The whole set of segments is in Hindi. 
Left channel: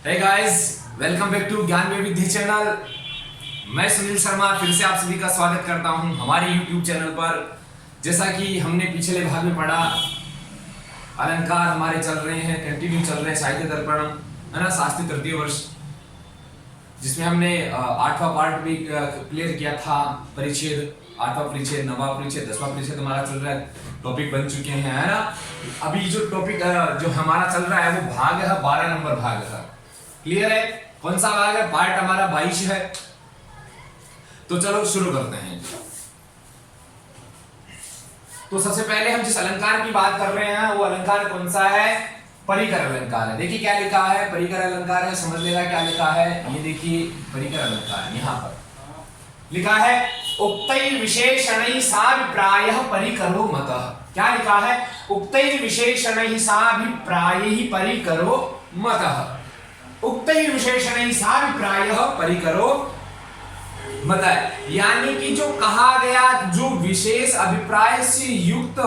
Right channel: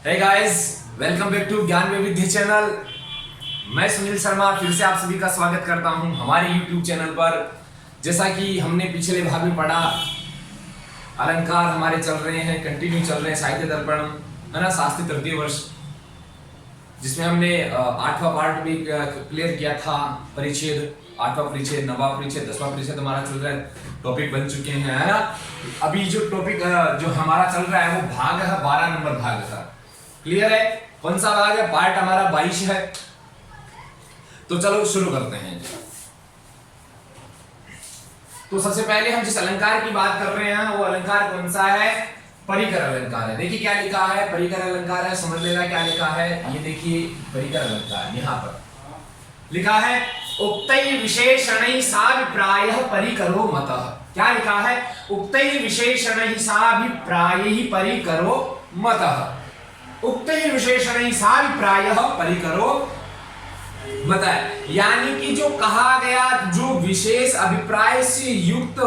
Hey guys, welcome back to Gyan Vaividhya channel. मैं सुनील शर्मा फिर से आप सभी का स्वागत करता हूं हमारे YouTube चैनल पर। जैसा कि हमने पिछले भाग में पढ़ा, अलंकार हमारे चल रहे हैं, कंटिन्यू चल रहे हैं, साहित्य दर्पण है ना, शास्त्री तृतीय वर्ष, जिसमें हमने 8वां पार्ट भी क्लियर किया था। परिच्छेद 8वां परिच्छेद, 9वां परिच्छेद, 10वां परिच्छेद हमारा चल रहा है, टॉपिक बन चुके हैं, है ना। अभी जो टॉपिक जो हमारा चल रहा है वो भाग है 12 नंबर भाग है। क्लियर है? कौन सा भाग है? पार्ट हमारा 22 है। तो चलो शुरू करते हैं। तो सबसे पहले हम जिस अलंकार की बात कर रहे हैं वो अलंकार कौन सा है? परिकर अलंकार है। देखिए क्या लिखा है, परिकर अलंकार है, समझ लेना क्या लिखा है। ये देखिए परिकर अलंकार, यहां पर लिखा है उक्तै विशेषणै साभिप्रायः परिकरो मतः। क्या लिखा है? उक्तै विशेषणै साभिप्रायः परिकरो मतः। उक्तै विशेषणै साभिप्रायः परिकरो मतः, यानी कि जो कहा गया, जो विशेष अभिप्राय से युक्त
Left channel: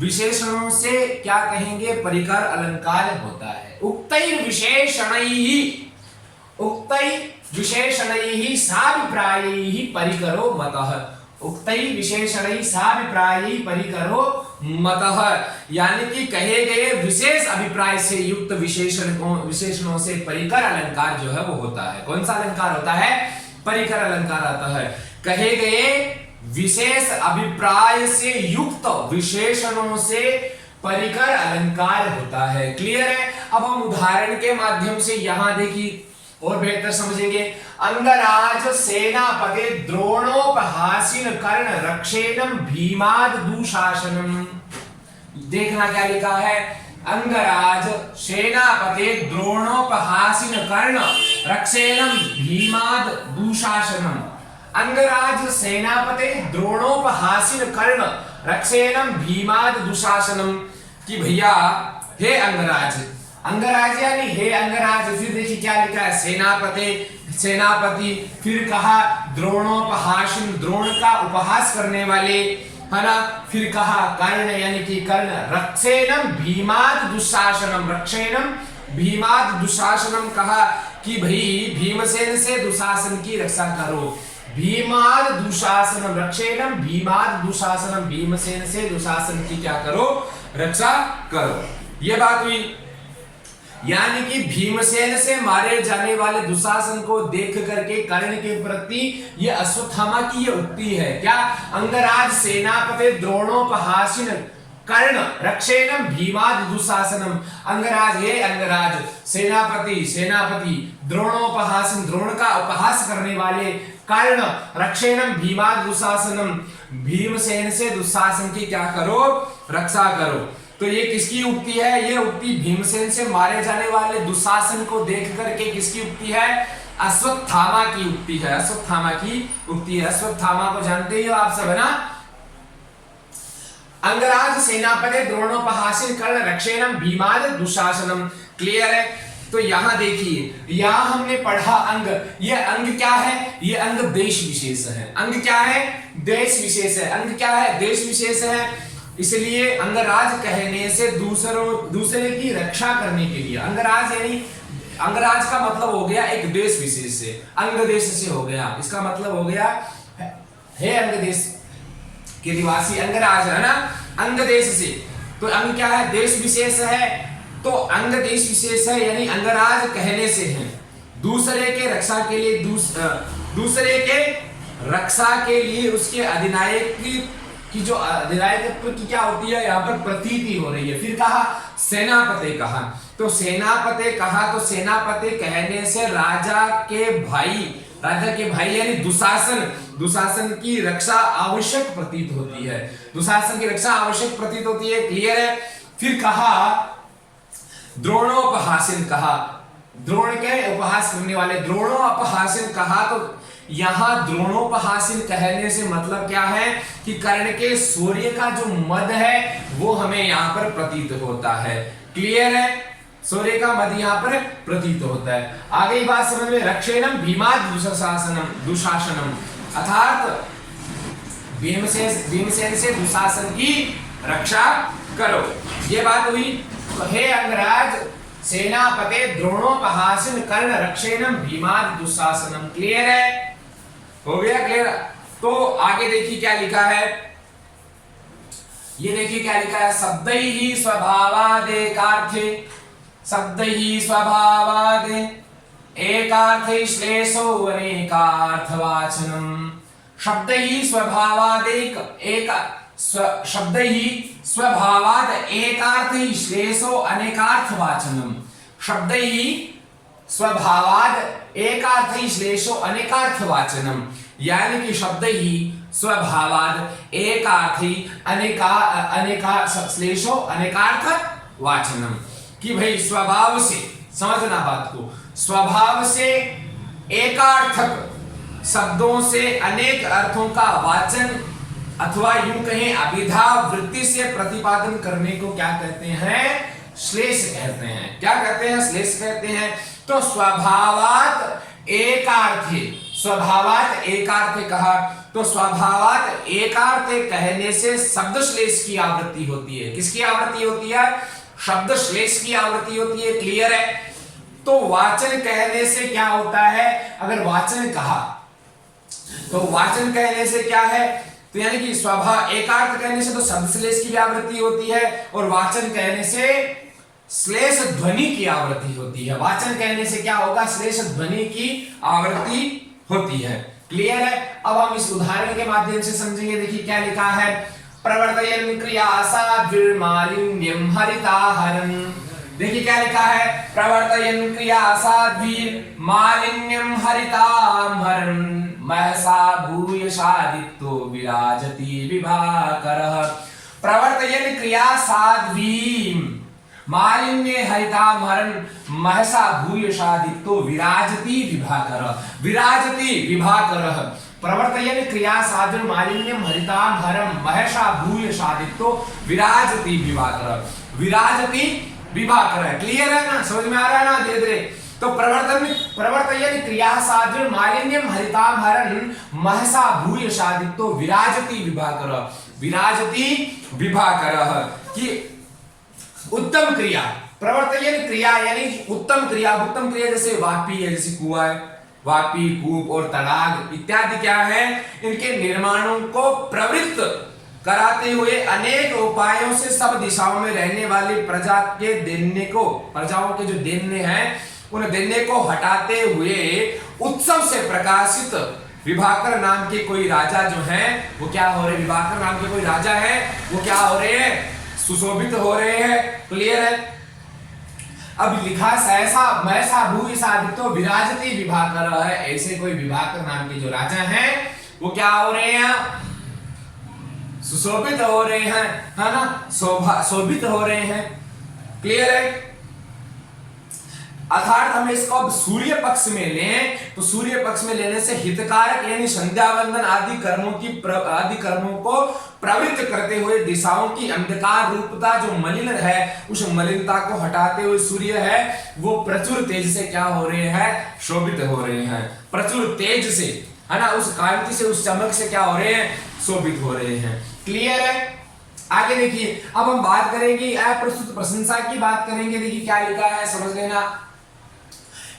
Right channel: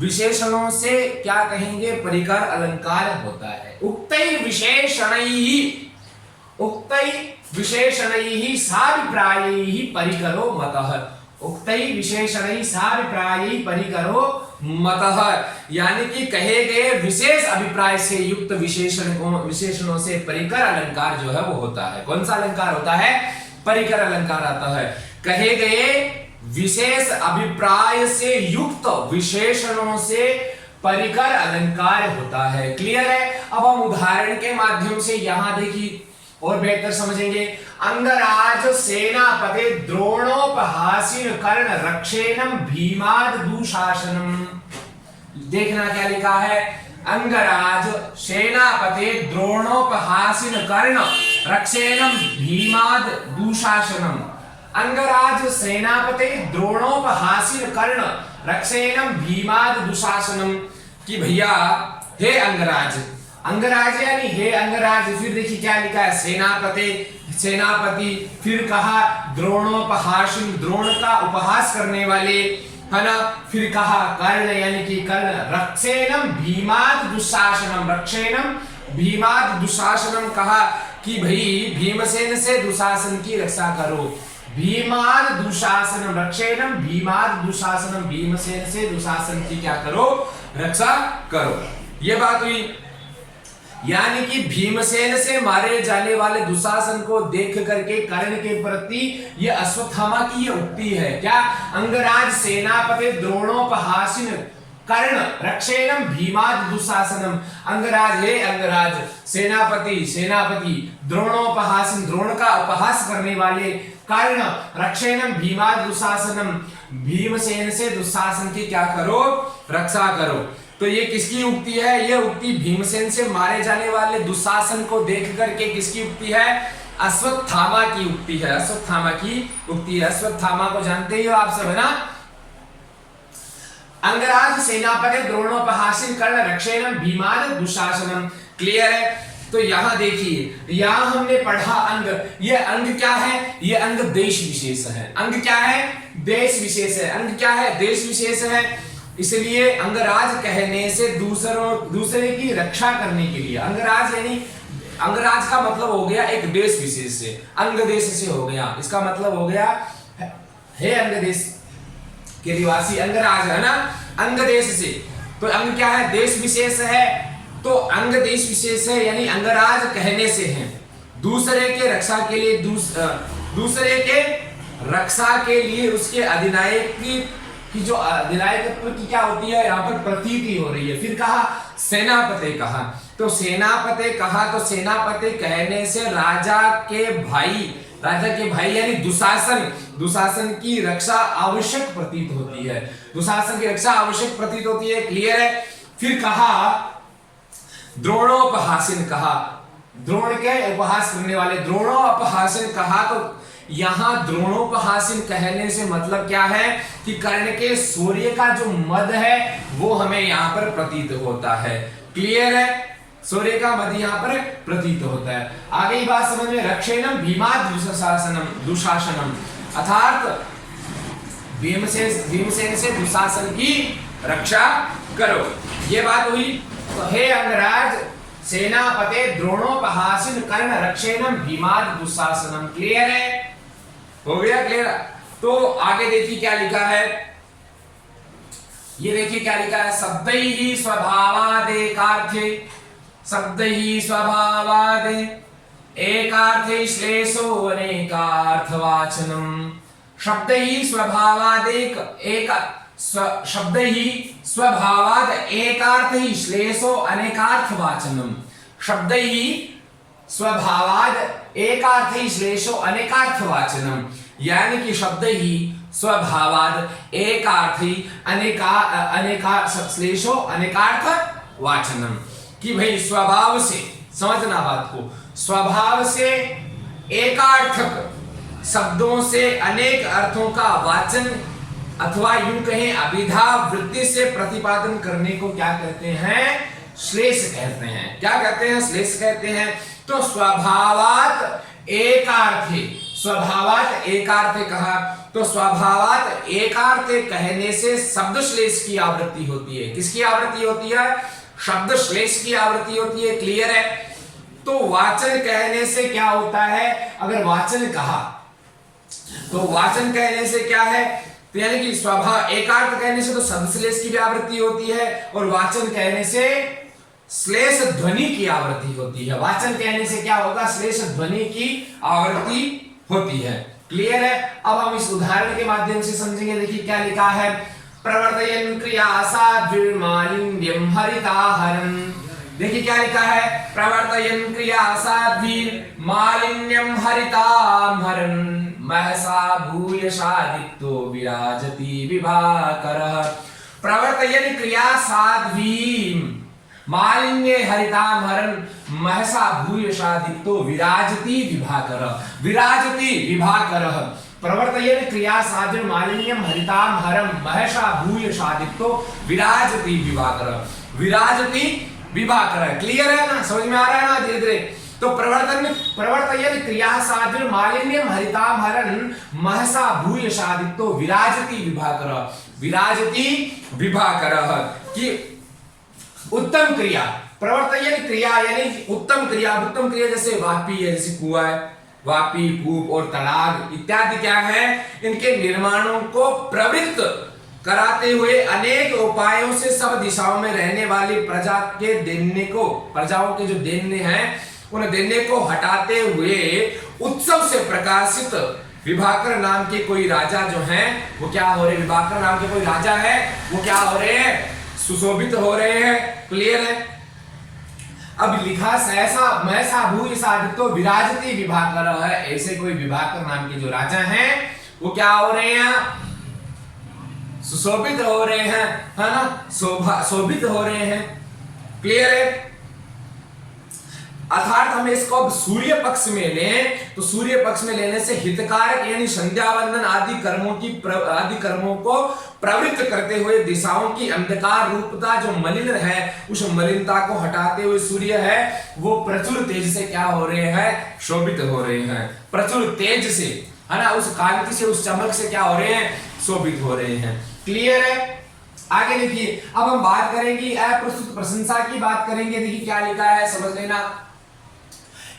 विशेषणों से क्या कहेंगे? परिकर अलंकार होता है। उक्तै विशेषणैः साभिप्रायैः परिकरो मतः। उक्तै विशेषणैः साभिप्रायैः परिकरो मतः, यानी कि कहे गए विशेष अभिप्राय से युक्त विशेषणों से परिकर अलंकार जो है वो होता है। कौन सा अलंकार होता है? परिकर अलंकार आता है। कहे गए विशेष अभिप्राय से युक्त विशेषणों से परिकर अलंकार होता है। क्लियर है? अब हम उदाहरण के माध्यम से यहां देखिए और बेहतर समझेंगे। अंगराज सेनापते द्रोणोपहासिन कर्ण रक्षेणम भीमाद दुशासनम। देखना क्या लिखा है। अंगराज सेनापते द्रोणोपहासिन कर्ण रक्षेणम भीमाद दुशासनम। अंगराज सेनापते द्रोणोपहासिन कर्ण रक्षेणम भीमाद दुशासनम। कि भैया हे अंगराज, अंगराज यानी हे अंगराज। फिर देखिए क्या लिखा है, सेनापति, फिर कहा द्रोणोपहासिन, द्रोण का उपहास करने वाले, है ना। फिर कहा कर्ण यानी कि कर्ण, रक्षेणम भीमाद दुशासनम, रक्षेणम भीमाद दुशासनम, कहा कि भाई भीमसेन से दुशासन की रक्षा करो। भीमाद दुशासनम, रक्षेणम भीमाद दुशासनम, भीमसेन से दुशासन की क्या करो? रक्षा करो। ये बात हुई। यानी कि भीमसेन से मारे जाने वाले दुशासन को देख करके कर्ण के प्रति ये अश्वत्थामा की ये उक्ति है। क्या? अंगराज सेनापति द्रोणोपहासिन कर्ण रक्षेणम भीमाद दुशासनम। अंगराज हे अंगराज, सेनापति द्रोणोपहासिन, द्रोण का उपहास करने वाले, कर्ण रक्षेणम भीमाद दुशासनम, भीमसेन से दुशासन की क्या करो? रक्षा करो। तो ये किसकी उक्ति है? ये उक्ति भीमसेन से मारे जाने वाले दुशासन को देख करके किसकी उक्ति है? अश्वत्थामा की उक्ति है। अश्वत्थामा की उक्ति है। अश्वत्थामा को जानते ही हो आप सब, है ना। अंगराज सेनापति द्रोणोपहासिन कर्ण रक्षेणम भीमाद दुशासनम। क्लियर है? तो यहां देखिए, यहां हमने पढ़ा अंग। ये अंग क्या है? ये अंग देश विशेष है। अंग क्या है? देश विशेष है। अंग क्या है? देश विशेष है। इसलिए अंगराज कहने से दूसरे की रक्षा करने के लिए, अंगराज यानी अंगराज का मतलब हो गया एक देश विशेष से, अंग देश से हो गया। इसका मतलब हो गया हे अंग देश के निवासी अंगराज, है ना, अंग देश से। तो अंग क्या है? देश विशेष है। तो अंग देश विशेष है यानी अंगराज कहने से है दूसरे के रक्षा के लिए, दूसरे के रक्षा के लिए उसके अधिनायक की जो अधिनायकत्व की क्या होती है, यहाँ पर प्रतीति हो रही है। फिर कहा सेनापति, कहा तो सेनापति, कहा तो सेनापति कहने से राजा के भाई यानी दुशासन की रक्षा आवश्यक प्रतीत होती है। दुशासन की रक्षा आवश्यक प्रतीत होती है। क्लियर है? फिर कहा द्रोणोपहासिन, कहा द्रोण के उपहास करने वाले, द्रोणोपहासिन, कहा तो यहां द्रोणोपहासिन कहने से मतलब क्या है कि कर्ण के शौर्य का जो मद है वो हमें यहां पर प्रतीत होता है। क्लियर है? शौर्य का मद यहां पर प्रतीत होता है। आगे ही बात समझ में। रक्षेणम भीमाद दुशासनम, अर्थात भीमसेन से दुशासन की रक्षा करो। ये बात हुई। तो हे अंगराज सेनापते द्रोणोपहासिन कर्ण रक्षेणम भीमाद दुशासनम। क्लियर है? हो गया क्लियर? तो आगे देखिए क्या लिखा है, ये देखिए क्या लिखा है, शब्दैहि स्वभावादेकार्थे, शब्दैहि स्वभावादे एकार्थे श्लेषो अनेकार्थवाचनम। शब्दैहि स्वभावादेक एक शब्दैहि स्वभावाद एकार्थे श्लेषो अनेकार्थवाचनम। शब्दैहि स्वभावाद एकार्थे श्लेषो अनेकार्थवाचनम, यानी कि शब्द ही स्वभावाद एकार्थी अनेका श्लेषो अनेकार्थ वाचनम। कि भाई स्वभाव से, समझना बात को, स्वभाव से एकार्थक शब्दों से अनेक अर्थों का वाचन अथवा यूं कहें अभिधा वृत्ति से प्रतिपादन करने को क्या कहते हैं? श्लेष कहते हैं। क्या कहते हैं? श्लेष कहते हैं। तो स्वभावात एकार्थे, स्वभावात एकार्थे कहा तो स्वभावात एकार्थे कहने से शब्द श्लेष की आवृत्ति होती है। किसकी आवृत्ति होती है? शब्द श्लेष की आवृत्ति होती है। क्लियर है? तो वाचन कहने से क्या होता है? अगर वाचन कहा तो वाचन कहने से क्या है? तो यानी कि स्वभाव एकार्थ कहने से तो शब्द श्लेष की भी आवृत्ति होती है और वाचन कहने से श्लेष ध्वनि की आवृत्ति होती है। वाचन कहने से क्या होगा? श्लेष ध्वनि की आवृत्ति होती है। क्लियर है? अब हम इस उदाहरण के माध्यम से समझेंगे। देखिए क्या लिखा है, प्रवर्तयन् क्रियासाद्भिर्मालिन्यं हरिताहरन्। देखिए क्या लिखा है, प्रवर्तयन् क्रियासाद्भिर्मालिन्यं हरिताहरन् महसा भूयशादित्यो विराजति विभाकरः। प्रवर्तयन् क्रियासाद्भिः मालिन्ये हरितामहरन् महसा भूयशादित्यो विराजति विभाकरः। विराजति विभाकरः। प्रवर्तयन् क्रियासाद्भिर् मालिन्यं हरितामहरं महसा भूयशादित्यो विराजति विभाकरः। विराजति विभाकरः। क्लियर है ना? समझ में आ रहा है ना? धीरे धीरे। तो प्रवर्तयन् क्रियासाद्भिर् मालिन्यं हरितामहरन् महसा भूयशादित्यो विराजति विभाकरः। विराजति विभाकरः कि उत्तम क्रिया, प्रवर्तयन् क्रिया यानी उत्तम क्रिया। उत्तम क्रिया जैसे वापी है, जैसे कुआं है, वापी, कूप और तड़ाग इत्यादि क्या है? इनके निर्माणों को प्रवृत्त कराते हुए अनेक उपायों से सब दिशाओं में रहने वाली प्रजा के दैन्य को, प्रजाओं के जो दैन्य हैं उन दैन्य को हटाते हुए उत्सव से प्रकाशित विभाकर नाम के कोई राजा जो हैं वो क्या हो रहे? विभाकर नाम के कोई राजा है वो क्या हो रहे हैं? सुशोभित हो रहे हैं। क्लियर है? अब लिखा सहसा महसा भूयशादित्यो विराजति विभाकरः है। ऐसे कोई विभाकर नाम के जो राजा हैं वो क्या हो रहे हैं? सुशोभित हो रहे हैं, है ना? शोभित हो रहे हैं। क्लियर है? अर्थात हम इसको अब सूर्य पक्ष में लें तो सूर्य पक्ष में लेने से हितकारक यानी संध्या वंदन आदि कर्मों को प्रवृत्त करते हुए दिशाओं की अंधकार रूपता जो मलिन है उस मलिनता को हटाते हुए सूर्य है वो प्रचुर तेज से क्या हो रहे हैं? शोभित हो रहे हैं। प्रचुर तेज से, है ना? उस कांति से, उस चमक से क्या हो रहे हैं? शोभित हो रहे हैं। क्लियर है? आगे देखिए, अब हम बात करेंगे अप्रस्तुत प्रशंसा की बात करेंगे। देखिए क्या लिखा है, समझ लेना।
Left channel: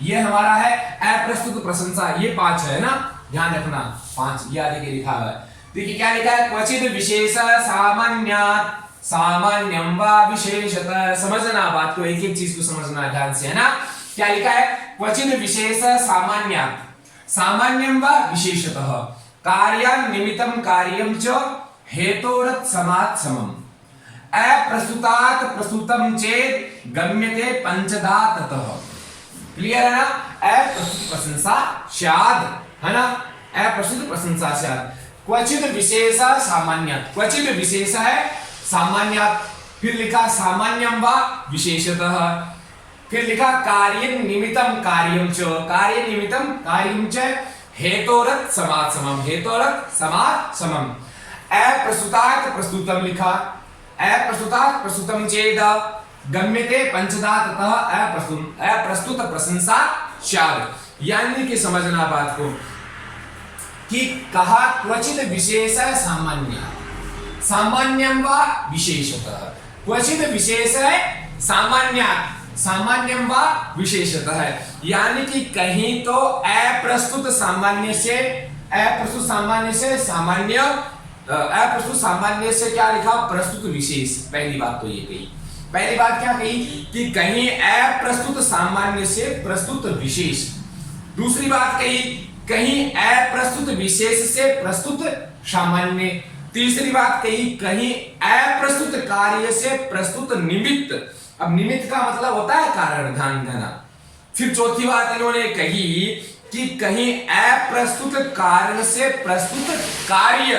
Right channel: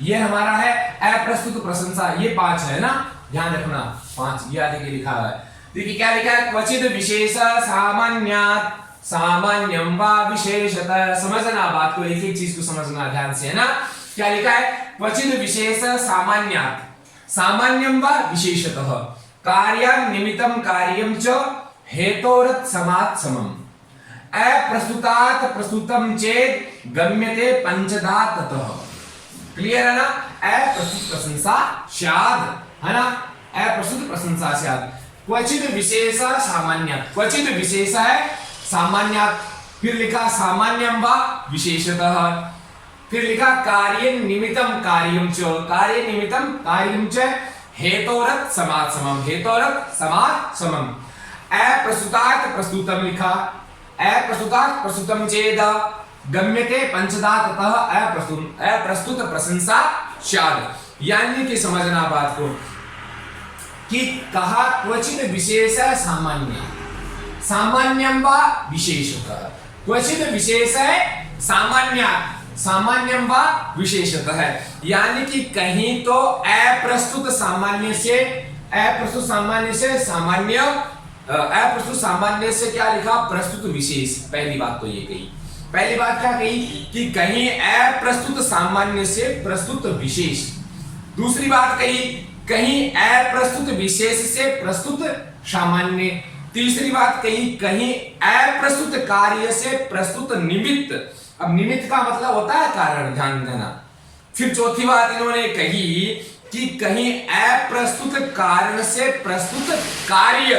ये हमारा है अप्रस्तुत प्रशंसा। ये 5 है ना, ध्यान रखना 5 ये आगे लिखा है। देखिए क्या लिखा है, क्वचित विशेष सामान्यात् सामान्यं वा विशेषतः। समझना बात को, एक एक चीज को समझना ध्यान से, है ना? क्या लिखा है, क्वचित विशेष सामान्यात् सामान्यं वा विशेषतः कार्यां निमित्तं कार्यं च हेतोरत् समात् समम् अप्रस्तुतात् प्रस्तुतं चेत् गम्यते पंचधा ततः। क्लियर है ना? अप्रस्तुत प्रशंसा स्याद, है ना? अप्रस्तुत प्रशंसा स्याद। क्वचित विशेष सामान्यात्, क्वचित विशेष है सामान्यात्, फिर लिखा सामान्यं वा विशेषतः, फिर लिखा कार्य निमित्तं कार्यं च, कार्य निमित्तं कार्यं च हेतोरत् समात् समम्, हेतोरत् समात् समम्। अप्रस्तुतात् प्रस्तुतं लिखा, अप्रस्तुतात् प्रस्तुतं चेद गम्यते पंचधा ततः अप्रस्तुत प्रशंसा स्यात्। यानी कि समझना बात को कि कहा क्वचित विशेष सामान्य, सामान्यं वा विशेषतः। क्वचित विशेष सामान्यात्, सामान्यम वा विशेषतः, यानी कि कहीं तो अप्रस्तुत सामान्य से क्या लिखा, प्रस्तुत विशेष। पहली बात तो ये कही, पहली बात क्या कही कि कहीं अप्रस्तुत सामान्य से प्रस्तुत विशेष। दूसरी बात कही कहीं अप्रस्तुत विशेष से प्रस्तुत सामान्य। तीसरी बात कही कहीं अप्रस्तुत कार्य से प्रस्तुत निमित्त। अब निमित्त का मतलब होता है कारण, ध्यान देना। फिर चौथी बात इन्होंने कही कि कहीं अप्रस्तुत कारण से प्रस्तुत कार्य।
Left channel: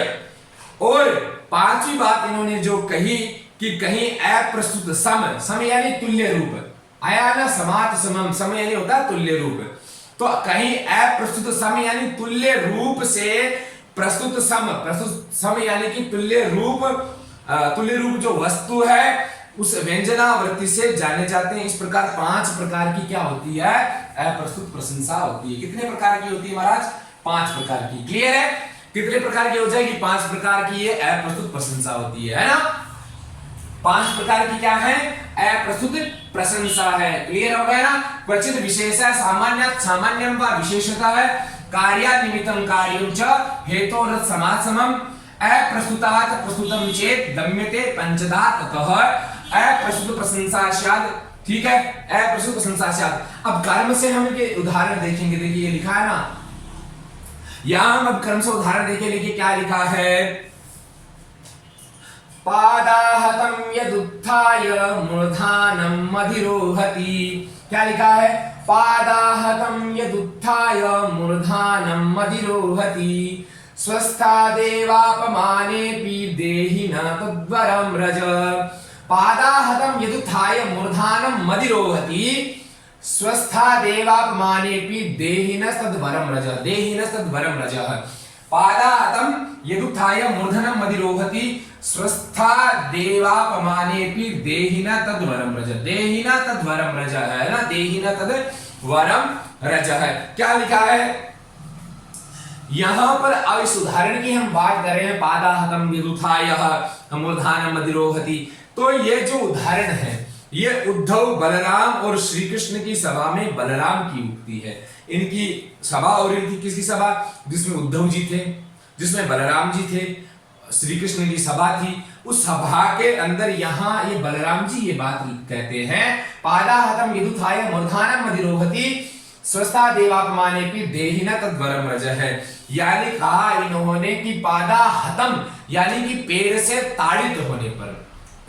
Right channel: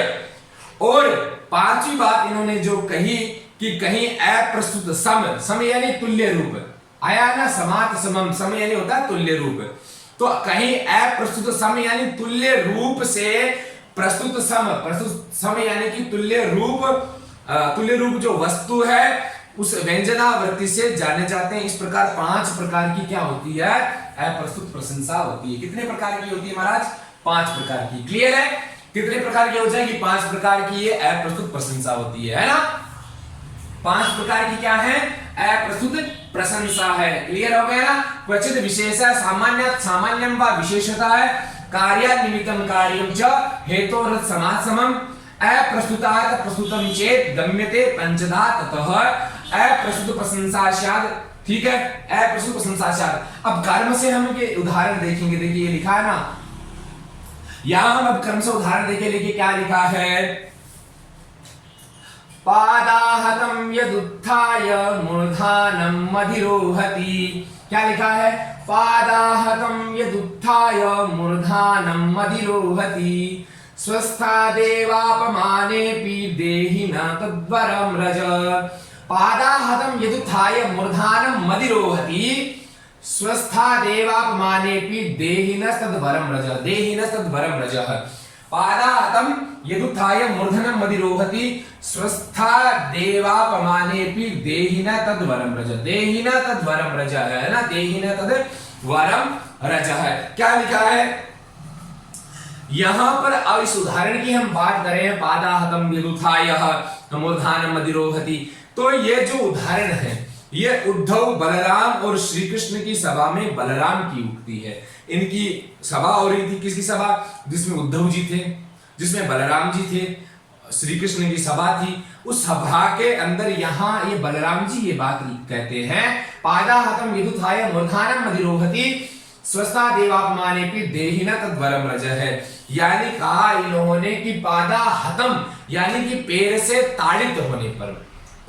और पांचवी बात इन्होंने जो कही कि कहीं अप्रस्तुत सम यानी तुल्य रूप आया ना, समात समम, सम यानी होता है तुल्य रूप। तो कहीं अप्रस्तुत सम यानी तुल्य रूप से प्रस्तुत सम यानी कि तुल्य रूप जो वस्तु है उस व्यंजनावृत्ति से जाने जाते हैं। इस प्रकार 5 प्रकार की क्या होती है, अप्रस्तुत प्रशंसा होती है। कितने प्रकार की होती है महाराज, 5 प्रकार की। क्लियर है, कितने प्रकार की हो जाएगी, 5 प्रकार की ये अप्रस्तुत प्रशंसा होती है ना। 5 प्रकार की क्या है, अप्रस्तुत प्रशंसा है। क्लियर हो गया ना। क्वचित विशेष सामान्यम वा विशेषता है, कार्यानिमित्तम कार्यं च हेतोरथ समासमम अप्रस्तुतात् प्रस्तुतम चेत गम्यते पंचधा ततः अप्रस्तुत प्रशंसा स्यात्। ठीक है, अप्रस्तुत प्रशंसा स्यात्। अब कर्म से हम ये उदाहरण देखेंगे। देखिए ये लिखा है ना, यहां हम अब कर्म से उदाहरण देखें। देखिए क्या लिखा है, पादाहतं यदुत्थाय मूर्धानं अधिरोहति। क्या लिखा है, पादाहतं यदुत्थाय मूर्धानं अधिरोहति स्वस्थादेवापमानेऽपि देहि न तद्वरं रज। पादाहतं यदुत्थाय मूर्धानं अधिरोहति स्वस्थादेवापमानेऽपि देहि न तद्वरं रज। देहि न तद्वरं रज। पादाहतं यदुत्थाय मूर्धनं अधिरोहति स्वस्थादेवापमानेऽपि देहि न तद्वरं रज। देहि न तद्वरं रज है ना, देहि न तद्वरं रज है। क्या लिखा है यहां पर। अब इस उदाहरण की हम बात कर रहे हैं, पादाहतं यदुत्थाय मूर्धनं अधिरोहति। तो ये जो उदाहरण है ये उद्धव, बलराम और श्री कृष्ण की सभा में बलराम की उक्ति है। इनकी सभा हो रही थी, किसकी सभा, जिसमें उद्धव जी थे, जिसमें बलराम जी थे, श्री कृष्ण की सभा थी। उस सभा के अंदर यहाँ ये बलराम जी ये बात कहते हैं, पादाहतं यदुत्थाय मूर्धनं अधिरोहति स्वस्थादेवापमानेऽपि देहि न तद्वरं रज है। यानी कहा इन्होंने कि पादाहतं यानी कि पैर से ताड़ित होने पर,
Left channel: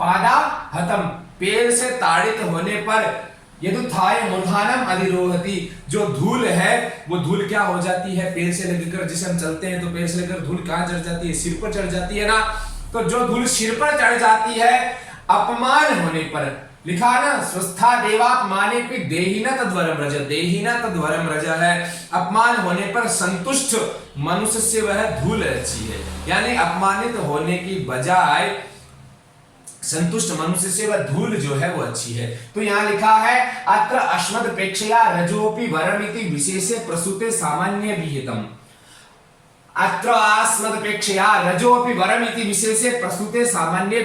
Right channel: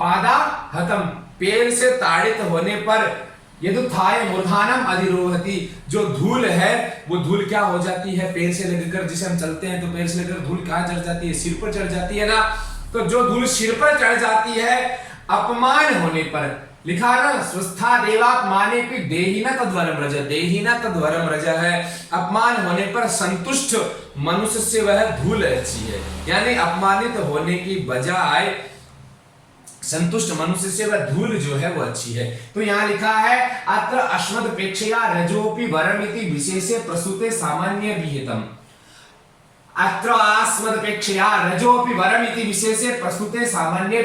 पादाहतं पैर से ताड़ित होने पर, यदुत्थाय मूर्धनं अधिरोहति जो धूल है वो धूल क्या हो जाती है, पैर से लगकर, जैसे हम चलते हैं तो पैर से लगकर धूल कहां चढ़ जाती है, सिर पर चढ़ जाती है ना। तो जो धूल सिर पर चढ़ जाती है अपमान होने पर, लिखा ना स्वस्थादेवापमानेऽपि देहि न तद्वरं रज। देहि न तद्वरं रज है, अपमान होने पर संतुष्ट मनुष्य से वह धूल अच्छी है। यानी अपमानित होने की बजाय संतुष्ट मनुष्य से वह धूल जो है वो अच्छी है। तो यहाँ लिखा है अत्र अस्मदपेक्षया रजोपि वरमिति विशेषे प्रसूते सामान्य विहितम्। अत्र अस्मदपेक्षया रजोपि वरमिति विशेषे प्रसूते सामान्य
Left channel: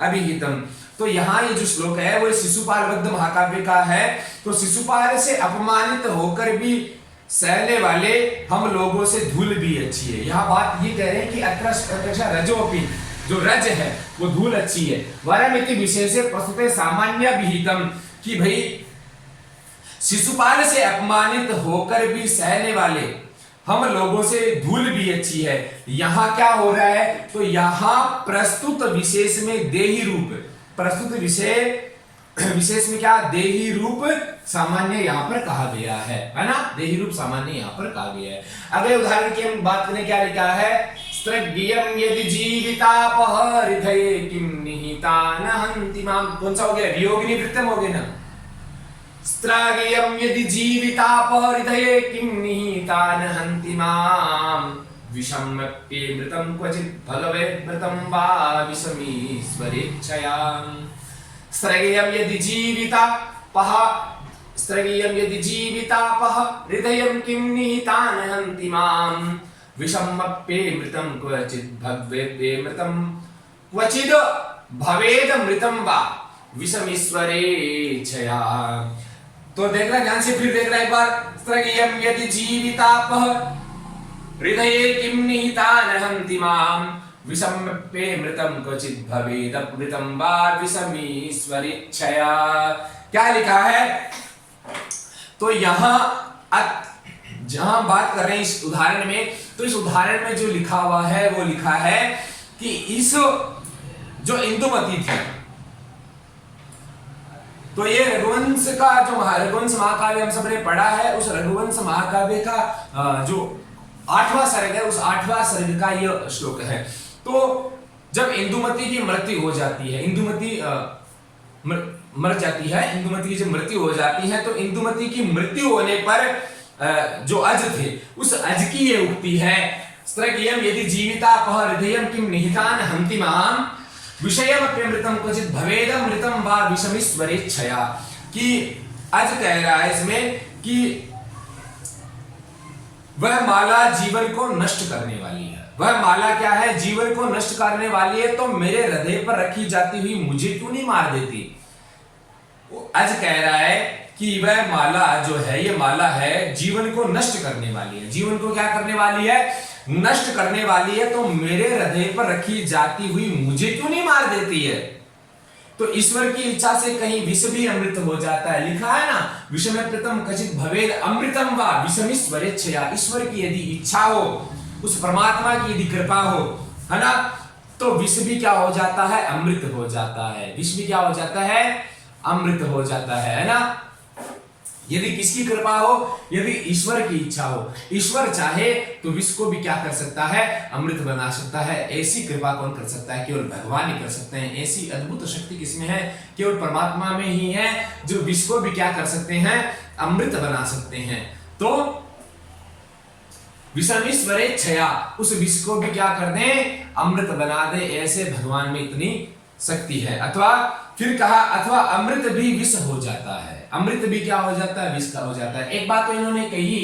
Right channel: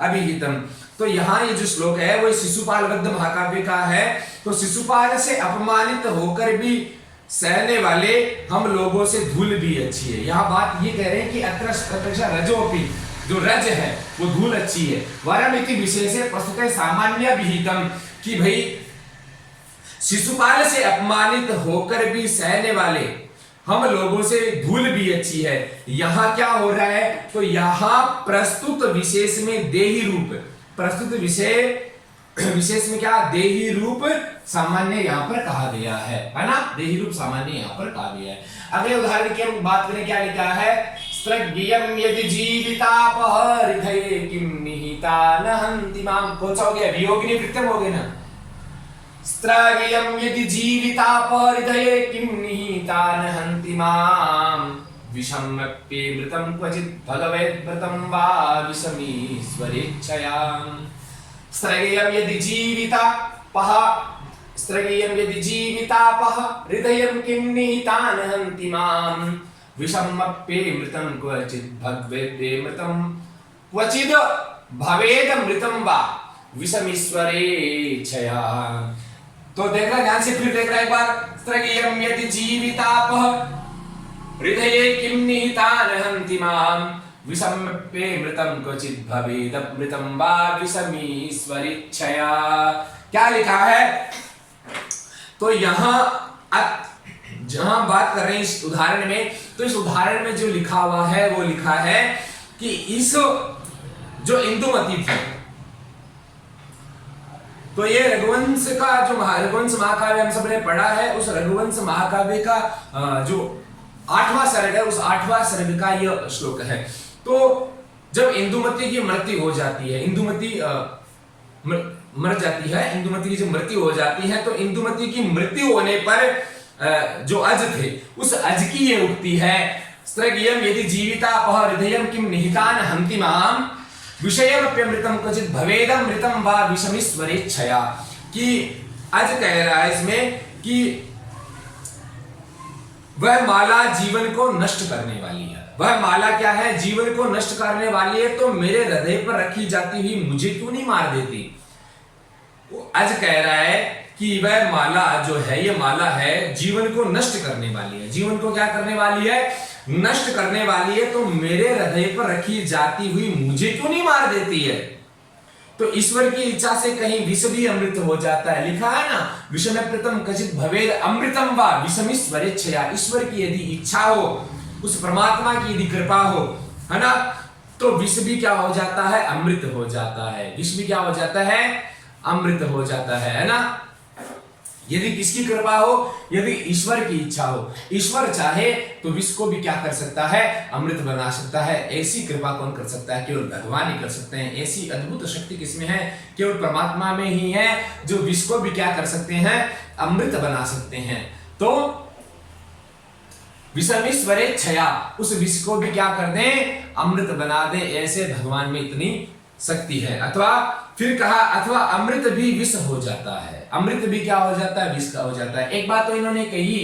अभिहितम्। तो यहाँ ये जो श्लोक है वो शिशुपाल वद्य महाकाव्य का है। तो शिशुपाल से अपमानित होकर भी सहने वाले हम लोगों से धूल भी अच्छी है। यहाँ बात ये कह रहे हैं कि अत्र रजोपि जो रज है वो धूल अच्छी है, वरमिति विशेषे प्रस्तुते सामान्य विहितम्, कि भाई शिशुपाल से अपमानित होकर भी सहने वाले हम लोगों से धूल भी अच्छी है। यहाँ क्या हो रहा है, तो यहाँ प्रस्तुत विशेष में देही रूप, प्रस्तुत विशेष में क्या, देही रूप सामान्य यहाँ पर कहा गया है ना, देही रूप सामान्य यहाँ पर कहा गया है। अगले उदाहरण की हम बात करें, क्या लिखा है, स्त्रग्यं यदि जीवितापः हृदये किं निहिता न हन्ति मां। कौन सा हो गया, वियोगिनी वृत्तम हो गया ना। स्त्रग्यं यदि जीवितापः हृदये किं निहिता न हन्ति मां विषमप्येमृतं क्वचित् फलवैमृतं वा विषमीश्वरेच्छयाम्। स्त्रग्यं यदि जीवितापः हृदयं किं निहिता न हन्ति मां विषमप्येमृतं क्वचित् भवेदमृतं क्वचिद् भवेदमृतं वा विषमीश्वरेच्छया। तो देखना ध्यान से, फिर देखना एक बार। स्त्रगीयं यदि जीवितापः हृदये किं निहितान् हन्ति माम् विषमप्येऽमृतं क्वचित् भवेदमृतं वा विषमीश्वरेच्छया। क्या लिखा है? तो यहाँ जहां बात कर रहे हैं इस उदाहरण में, तो इस उदाहरण में जो लिखा हुआ है वो लिखा है कि इस जो इंदुमती थी, तो ये रघुवंश का जो रघुवंश महाकाव्य हम सबने पढ़ा है, उस रघुवंश महाकाव्य का जो 8वां सर्ग है, उस 8वां सर्ग का यह श्लोक है। तो जब इंदुमती की मृत्यु हो जाती है, इंदुमती मर जाती है, इंदुमती की जब मृत्यु हो जाती है, तो इंदुमती की मृत्यु होने पर जो अज थे, उस अज की ये उक्ति है, स्त्रगीयं यदि जीवितापः हृदयं किं निहितान् हन्ति माम् विषयमप्यमृतं क्वचित् भवेदमृतं वा विषमीश्वरेच्छया। कि अज कह रहा है इसमें कि वह माला जीवन को नष्ट करने वाली है। वह माला क्या है? जीवन को नष्ट करने वाली है। तो मेरे हृदय पर रखी जाती हुई मुझे क्यों नहीं मार देती? आज कह रहा है कि वह माला जो है, ये माला है जीवन को नष्ट करने वाली है। जीवन को क्या करने वाली है? नष्ट करने वाली है। तो मेरे हृदय पर रखी जाती हुई मुझे क्यों नहीं मार देती है? तो ईश्वर की इच्छा से कहीं विष भी अमृत हो जाता है। लिखा है ना, विषमप्येतं क्वचित् भवेद अमृतं वा विषमीश्वरेच्छया। ईश्वर की यदि इच्छा हो, उस परमात्मा की यदि कृपा हो, है ना, तो विष भी क्या हो जाता है? अमृत हो जाता है। विष भी क्या हो जाता है? अमृत हो जाता है ना। यदि किसकी कृपा हो? यदि ईश्वर की इच्छा हो। ईश्वर चाहे तो विष को भी क्या कर सकता है? अमृत बना सकता है। ऐसी कृपा कौन कर सकता है? केवल भगवान ही कर सकते हैं। ऐसी अद्भुत शक्ति किसमें है? केवल परमात्मा में ही है, जो विष को भी क्या कर सकते हैं? अमृत बना सकते हैं। तो विषमीश्वरेच्छया, उस विष को भी क्या कर दें? अमृत बना दे। ऐसे भगवान में इतनी शक्ति है। अथवा फिर कहा, अथवा अमृत भी विष हो जाता है। अमृत भी क्या हो जाता है? विष का हो जाता है। एक बात तो इन्होंने कही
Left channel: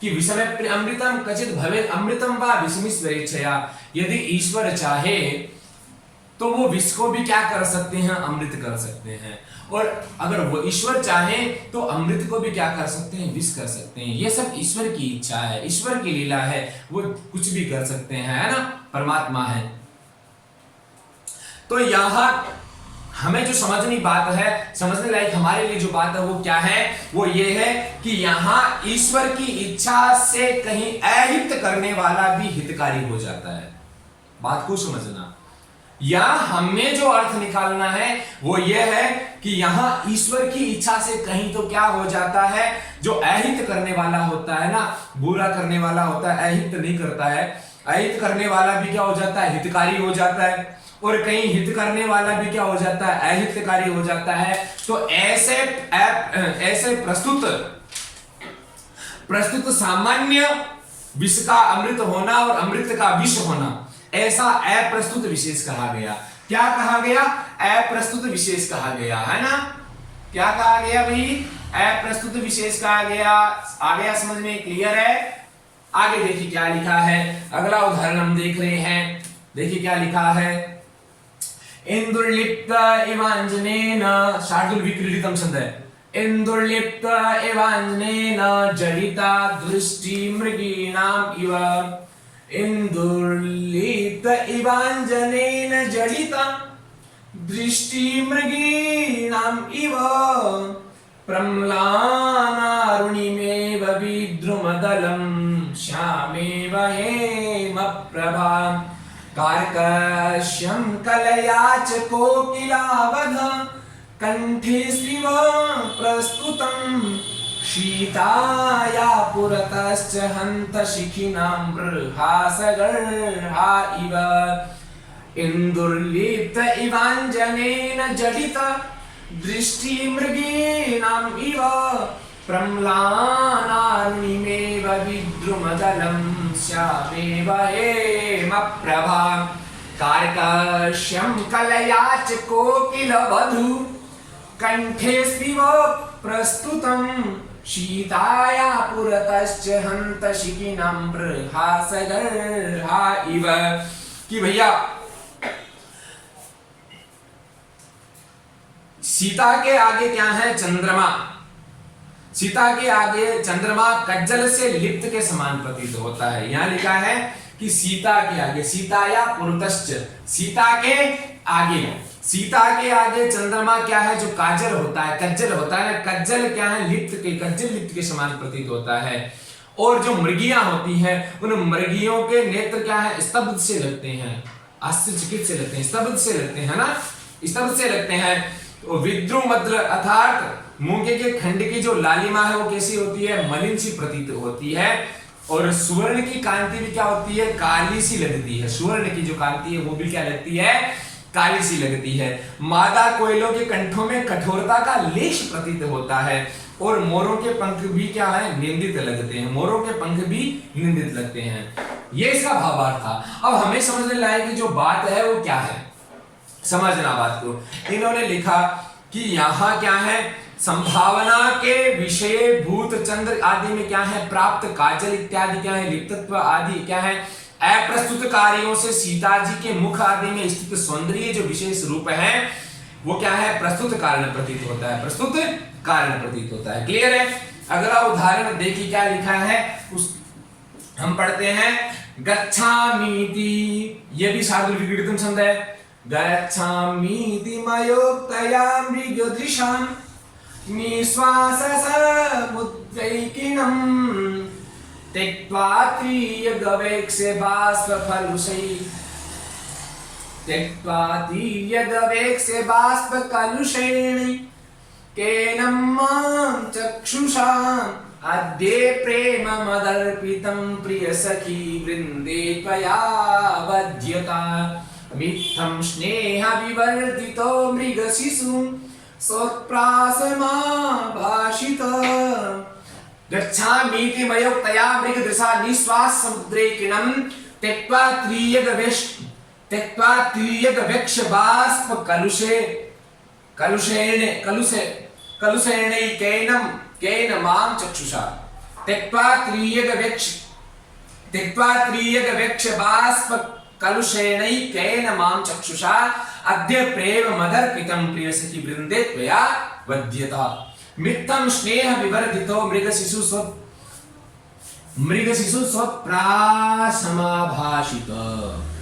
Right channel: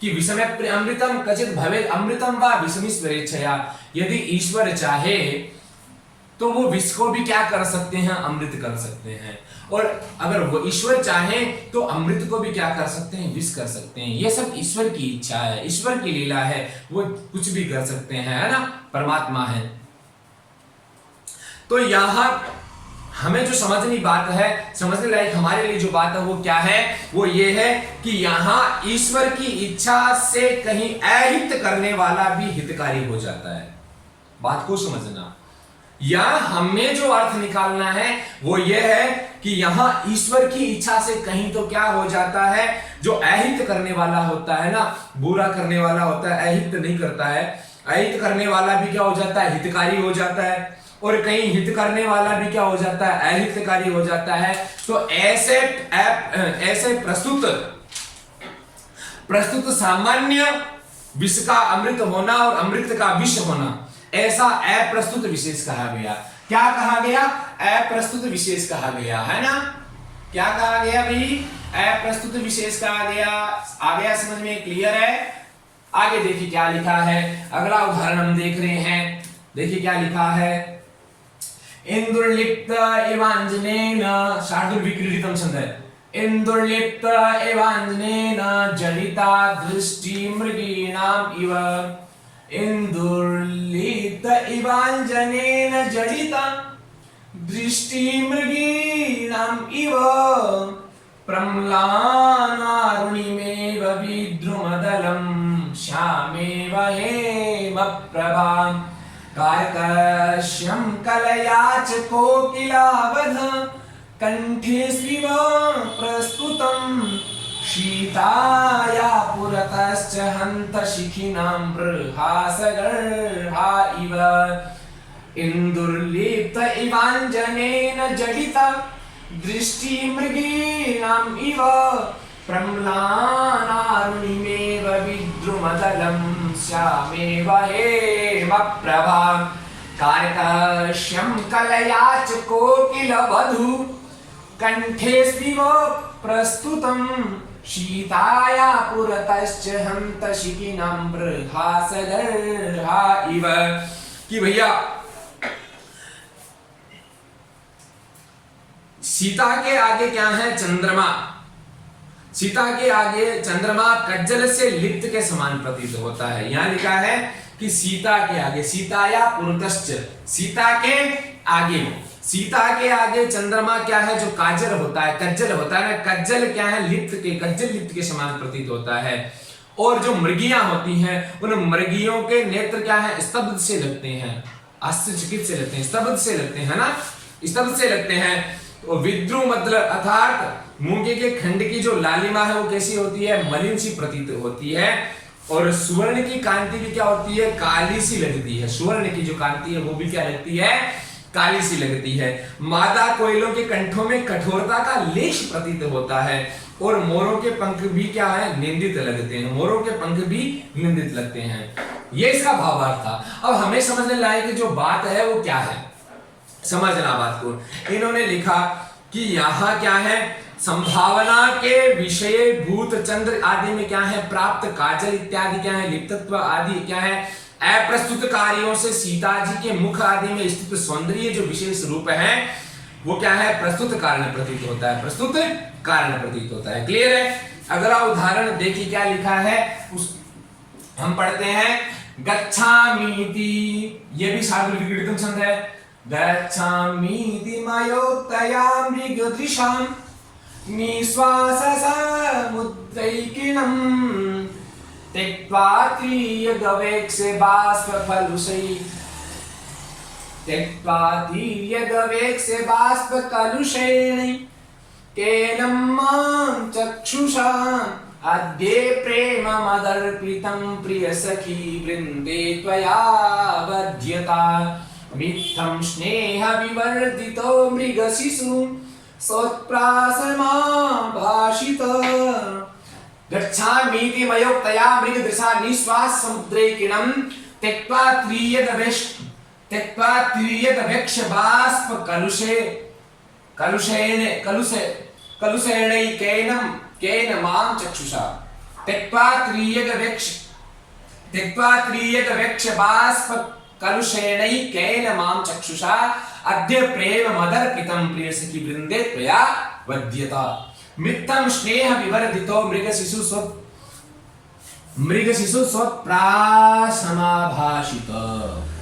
कि विषमप्येऽमृतं क्वचित् भवेद अमृतं वा विषमीश्वरेच्छया। यदि ईश्वर चाहे तो वो विष को भी क्या कर सकते हैं? अमृत कर सकते हैं। और अगर वो ईश्वर चाहे तो अमृत को भी क्या कर सकते हैं? विष कर सकते हैं। ये सब ईश्वर की इच्छा है, ईश्वर की लीला है। वो कुछ भी कर सकते हैं, है ना, परमात्मा है। तो यहां हमें जो समझनी बात है, समझने लायक हमारे लिए जो बात है वो क्या है? वो ये है कि यहां ईश्वर की इच्छा से कहीं अहित करने वाला भी हितकारी हो जाता है। बात को समझना। यहां हमें जो अर्थ निकालना है वो ये है कि यहां ईश्वर की इच्छा से कहीं तो क्या हो जाता है? जो अहित करने वाला होता है ना, बुरा करने वाला होता है, अहित नहीं करता है। अहित करने वाला भी क्या हो जाता है? हितकारी हो जाता है। और कहीं हित करने वाला भी क्या हो जाता है? अहितकारी हो जाता है। तो ऐसे प्रस्तुत सामान्य विष का अमृत होना और अमृत का विष होना, ऐसा अप्रस्तुत विशेष कहा गया। क्या कहा गया? अप्रस्तुत विशेष कहा गया, है ना। क्या कहा गया भाई? अप्रस्तुत विशेष कहा गया। आ गया समझ में? क्लियर है? आगे देखिए क्या लिखा है। अगला उदाहरण हम देख रहे हैं। देखिए क्या लिखा है। इंदुर्लिप्त इवांजनेन, शार्दुल विक्रीडितम छंद है। इंदुर्लिप्त इवांजनेन जडिता दृष्टि मृगीणाम इव। इंदुर्लिप्त इवांजनेन जडिता दृष्टि मृगीणाम इव प्रम्लानारुणिमेव विद्रुमदलं श्यामेव हेमप्रभाम् कार्कश्यं कलया च कोकिलावध कंठे स्विव प्रस्तुतं शीताया पुरतश्च हन्त शिखिनां बृहासगर्हा इव। इंदुर्लिप्त इवांजनेन जडिता दृष्टि मृगीणाम् इव प्रम्लानारुणिमेव विद्रुमदलं श्यामेव हेमप्रभाम् कार्कश्यं कलया च कोकिलवधू कंठे स्विव प्रस्तुतं शीताया पुरतश्च हन्त शिखिनां बृहासगर्हा इव। कि भैया सीता के आगे क्या है? चंद्रमा। सीता के आगे चंद्रमा कज्जल से लिप्त के समान प्रतीत होता है। यहां लिखा है कि सीता के आगे, सीताया पुरतश्च, सीता के आगे, सीता के आगे चंद्रमा क्या है? जो काजल होता है, कज्जल होता है ना, कज्जल क्या है? लिप्त के, कज्जल लिप्त के समान प्रतीत होता है। और जो मृगियां होती हैं, उन मृगियों के नेत्र क्या है? स्तब्ध से लगते हैं, आश्चर्यचकित से लगते हैं, स्तब्ध से लगते हैं ना, स्तब्ध से लगते हैं। तो विद्रु मतलब अर्थात मूंगे के खंड की जो लालिमा है वो कैसी होती है? मलिन सी प्रतीत होती है। और सुवर्ण की कांति भी क्या होती है? काली सी लगती है। सुवर्ण की जो कांति है वो भी क्या लगती है? काली सी लगती है। मादा कोयलों के कंठों में कठोरता का लेश प्रतीत होता है। और मोरों के पंख भी क्या है? निंदित लगते हैं। मोरों के पंख भी निंदित लगते हैं। ये इसका भावार्थ था। अब हमें समझने लायक कि जो बात है वो क्या है, समझना बात को। इन्होंने लिखा कि यहां क्या है? संभावना के विषय भूत चंद्र आदि में क्या है? प्राप्त काजल इत्यादि क्या है? लिप्तत्व आदि क्या है? अप्रस्तुत कार्यों से सीता जी के मुख आदि में स्थित सौंदर्य जो विशेष रूप है वो क्या है? प्रस्तुत कारण प्रतीत होता है, प्रस्तुत कारण प्रतीत होता है। क्लियर है? अगला उदाहरण देखिए क्या लिखा है, उस हम पढ़ते हैं। गच्छामीति, ये भी शार्दूल विक्रीडितम छंद है। गच्छामीति मयोक्तया मृगदृशां निश्वास समुद्रैकिणं त्यक्त्वा त्रियगवेक्षे बाष्पफलुषै, त्यक्त्वा त्रियगवेक्षे बाष्पकलुषेण केनं मां चक्षुषा अद्य प्रेममदर्पितं प्रियसखी वृन्दे त्वया वध्यता मित्थं स्नेहविवर्धितो मृगशिशुं सोत्प्रासमाभाषित। गच्छामीति मयोक्तया मृगदृशा निश्वास समुद्रे किणं त्यक्त्वा त्रियदवेक्ष बाष्प कलुषेण मां चक्षुषा त्यक्त्वा त्रियदवेक्ष बाष्प कलुषेणैकेन मां चक्षुषा अद्य प्रेममदर्पितं प्रियसखी वृन्दे त्वया वध्यता मित्तं स्नेह विवर्धितो मृगशिशु स्वप्रासमाभाषित।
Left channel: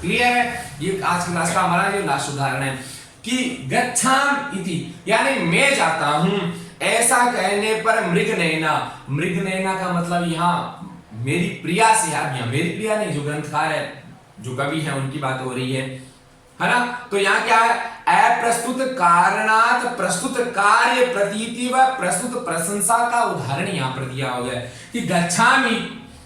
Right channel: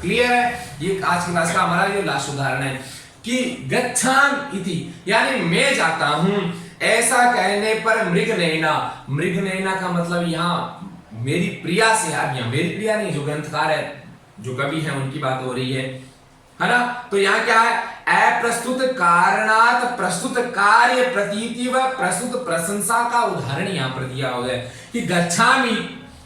क्लियर है? ये आज की क्लास का हमारा ये लास्ट उदाहरण है कि गच्छाम इति यानी मैं जाता हूं, ऐसा कहने पर मृगनयना, मृगनयना का मतलब यहाँ मेरी प्रिया से, यहाँ मेरी प्रिया नहीं, जो ग्रंथकार है, जो कवि है, उनकी बात हो रही है ना। तो यहाँ क्या है? अप्रस्तुत कारणात प्रस्तुत कार्य प्रतीति व प्रस्तुत प्रशंसा का उदाहरण यहाँ पर दिया हो गया कि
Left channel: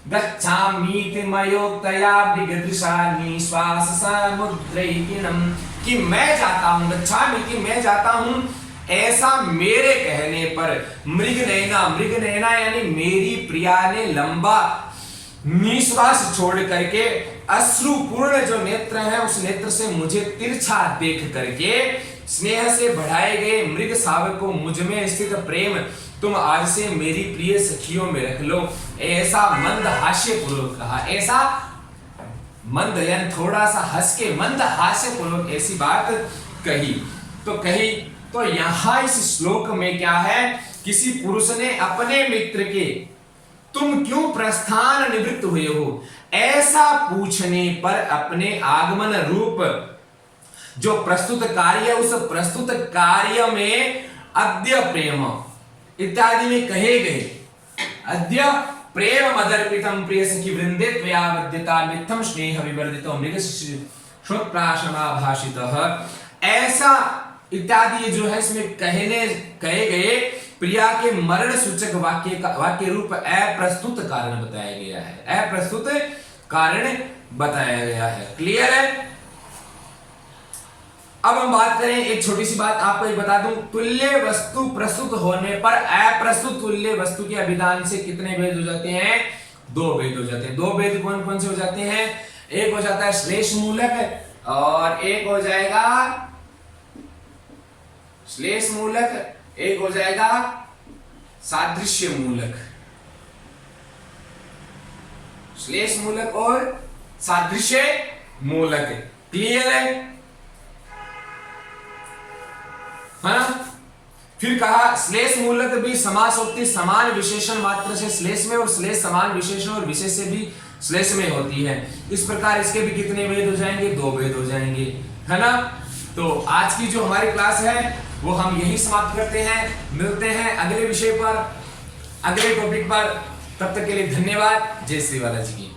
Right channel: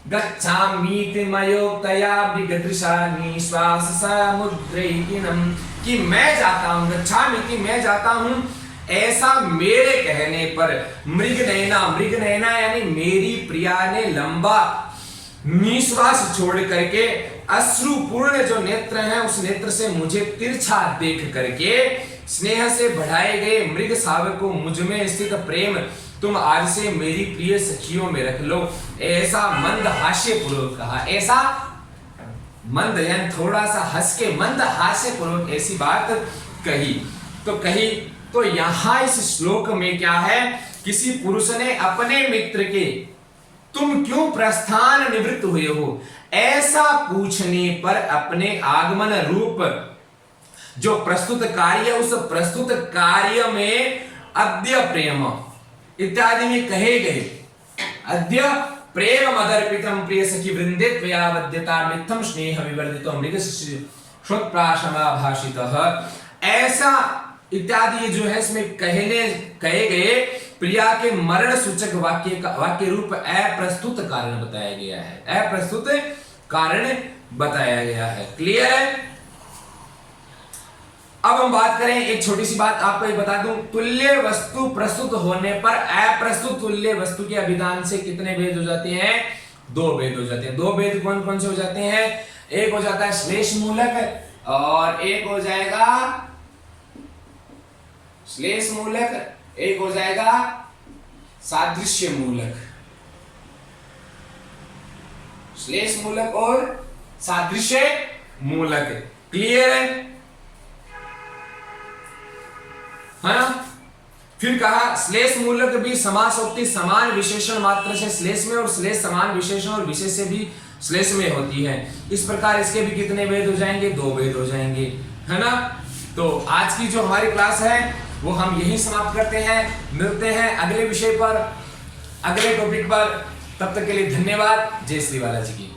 गच्छामीति मयोक्तया मृगदृशा निश्वास समुद्रैकिणं, कि मैं जाता हूँ, गच्छामीति मैं जाता हूँ, ऐसा मेरे कहने पर मृगनयना, मृगनयना यानी मेरी प्रिया ने लंबा निश्वास छोड़ करके अश्रुपूर्ण जो नेत्र हैं उस नेत्र से मुझे तिरछा देख करके स्नेह से बढ़ाए गए मृग शावक को मुझ में स्थित प्रेम तुम आज से मेरी प्रिय सखियों में रख लो, ऐसा मंद हास्य पूर्वक कहा। ऐसा मंद यानी थोड़ा सा हंस के मंद हास्य पूर्वक ऐसी बात कही। तो यहां इस श्लोक में क्या है? किसी पुरुष ने अपने मित्र के तुम क्यों प्रस्थान निवृत्त हुए हो ऐसा पूछने पर अपने आगमन रूप जो प्रस्तुत कार्य, उस प्रस्तुत कार्य में अद्य प्रेम इत्यादि में कहे गए अद्य प्रेम मदर्पितम प्रिय सखी वृंदे त्वया वध्यता मित्थम स्नेह विवर्धितो मृगशिशु श्रोत्राशमाभाषितः, ऐसा इत्यादि जो है इसमें कहे गए प्रिया के मरण सूचक वाक्य रूप अप्रस्तुत कारण बताया गया है, अप्रस्तुत कारण बताया गया है। क्लियर है? अब हम बात करें, एक छोटी सी बात आपको एक बता दूं, तुल्य वस्तु प्रस्तुत होने पर अप्रस्तुत तुल्य वस्तु के अभिधान से कितने भेद हो जाते हैं? 2 भेद हो जाते हैं। 2 भेद कौन कौन से हो जाते हैं? एक हो जाता है श्लेष मूलक और एक हो जाएगा श्लेष मूलक, एक हो जाएगा सादृश्य मूलक। श्लेष मूलक और सादृश्य मूलक। क्लियर है ना? फिर कहा श्लेष मूलक भी समासोक्ति समान विशेषण मात्र से श्लेष में और श्लेष समान विशेषण और विशेष से भी श्लेष में होती है। इस प्रकार इसके भी कितने भेद हो जाएंगे, 2 भेद हो जाएंगे, है ना। तो आज की जो हमारी क्लास है वो हम यही समाप्त करते हैं। मिलते हैं अगले विषय पर, अगले टॉपिक पर। तब तक के लिए धन्यवाद। जय श्री बालाजी की।